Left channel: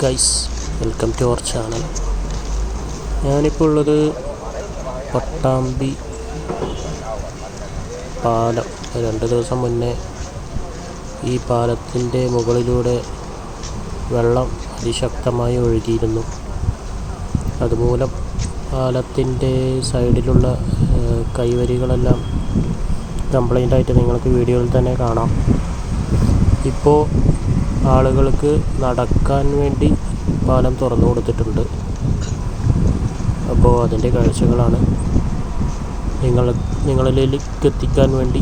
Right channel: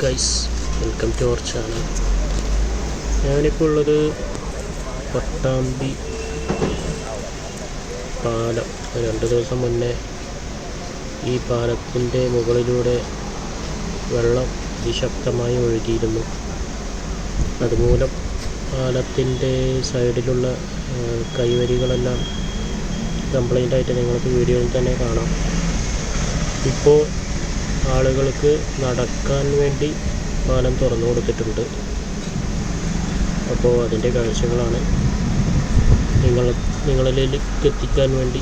Guys welcome to our channel ഞാനിപ്പോൾ ഉള്ളത് പട്ടാമ്പി പാലം. രണ്ട് ദിവസം മുന്നേ ഈ പാലത്തിന്റെ മുകളിലൂടെ വെള്ളം അതിശക്തമായി ഒഴുകിയിരുന്നു. അതുമൂലം പാലത്തിന്റെ സൈഡിലുള്ള കൈവരികളെല്ലാം കംപ്ലൈന്റ് ആയിട്ട് നിങ്ങൾക്ക് വീഡിയോയിൽ തന്നെ കാണാം. ഇപ്പോൾ ആളുകൾക്ക് നടക്കാൻ വേണ്ടി പാലം തുറന്നു കൊടുത്തിട്ടുണ്ട്. അപ്പോൾ അതിന്റെ കാഴ്ചകളാണ്. നിങ്ങൾ നിങ്ങളിലേക്ക് എത്തിക്കാൻ വേണ്ടി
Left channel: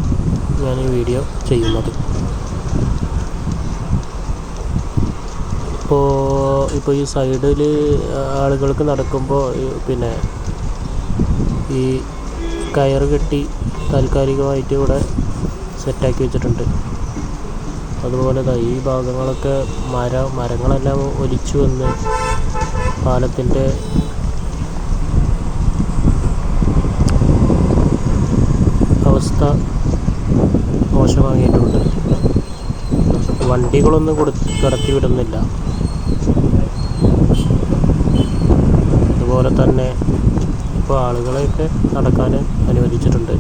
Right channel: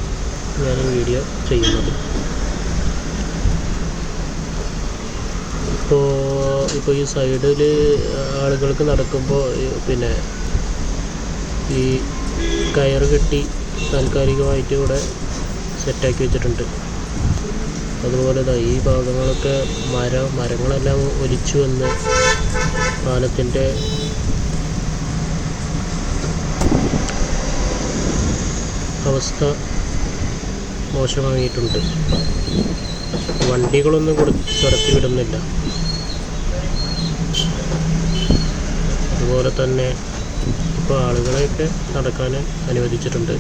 ഞാൻ ഈ വീഡിയോ ചെയ്യുന്നത്. ഇപ്പോൾ ഇപ്പോൾ ഈ സൈഡിൽ ആളുകൾക്ക് നടക്കുമ്പോൾ പിന്നെ ഈ കയർ കെട്ടി താൽക്കാലികമായിട്ട് ഇവിടെ സെറ്റാക്കി വെച്ചിട്ടുണ്ട്. അതുപോലെ ദാ ഈ ഭാഗങ്ങളൊക്കെ മര മരങ്ങളെല്ലാം ഒലിച്ചു വന്ന് പാലത്തിന്റെ അവസ്ഥ മോശമായിട്ടുണ്ട്. വണ്ടികളൊന്നും കൊടു കടത്തി വിടുന്നില്ല. അതുപോലെ തന്നെ ഇപ്പോൾ ആളുകളെയൊക്കെ നടക്കാൻ അനുവദിച്ചിട്ടുണ്ട്.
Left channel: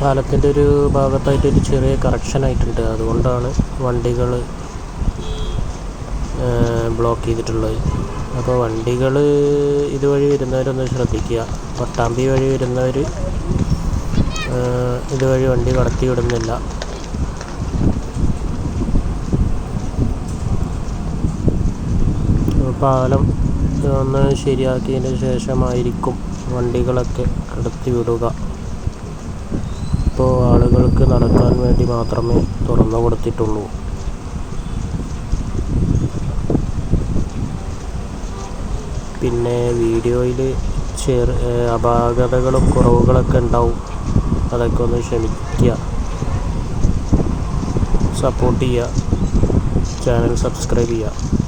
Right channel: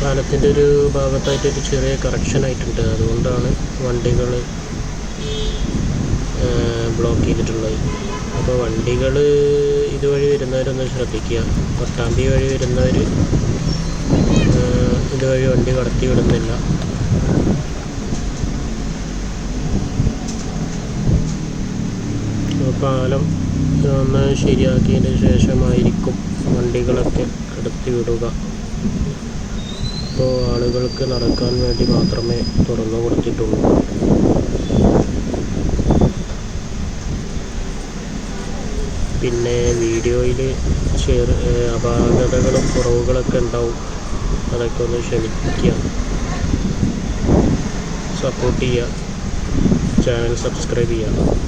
പാലത്തിന്റെ ഒരു ഭാഗത്തായിട്ട് ഒരു ചെറിയ കറക്ഷൻ ആയിട്ടുണ്ട്. അതുകൊണ്ടാണ് വണ്ടികൾ ബ്ലോക്ക് ചെയ്തിട്ടുള്ളത്. അപ്പോൾ വണ്ടികൾ ഇതുവഴി വരുന്നവരൊന്ന് ശ്രദ്ധിക്കുക. പട്ടാമ്പി വഴി വരുന്നവർ ഇതുവഴി വണ്ടി കടത്തി വിടുന്നില്ല. പാലം ഒന്ന് ശരിയാക്കിയതിന് ശേഷമായിരിക്കും വണ്ടികളൊക്കെ കടത്തി വിടുക. ഇപ്പോൾ ആളുകൾക്ക് നടക്കാൻ വേണ്ടി മാത്രമേ തുറന്നു കൊടുത്തിട്ടുള്ളൂ. പിന്നെ വീഡിയോയിൽ ചെറു അപാകതകളും കുറവുകളൊക്കെ ഉണ്ടാവും. അതൊക്കെ ഒന്ന് ക്ഷമിക്കുക. സപ്പോർട്ട് ചെയ്യുക. ചാനൽ സബ്സ്ക്രൈബ് ചെയ്യുക.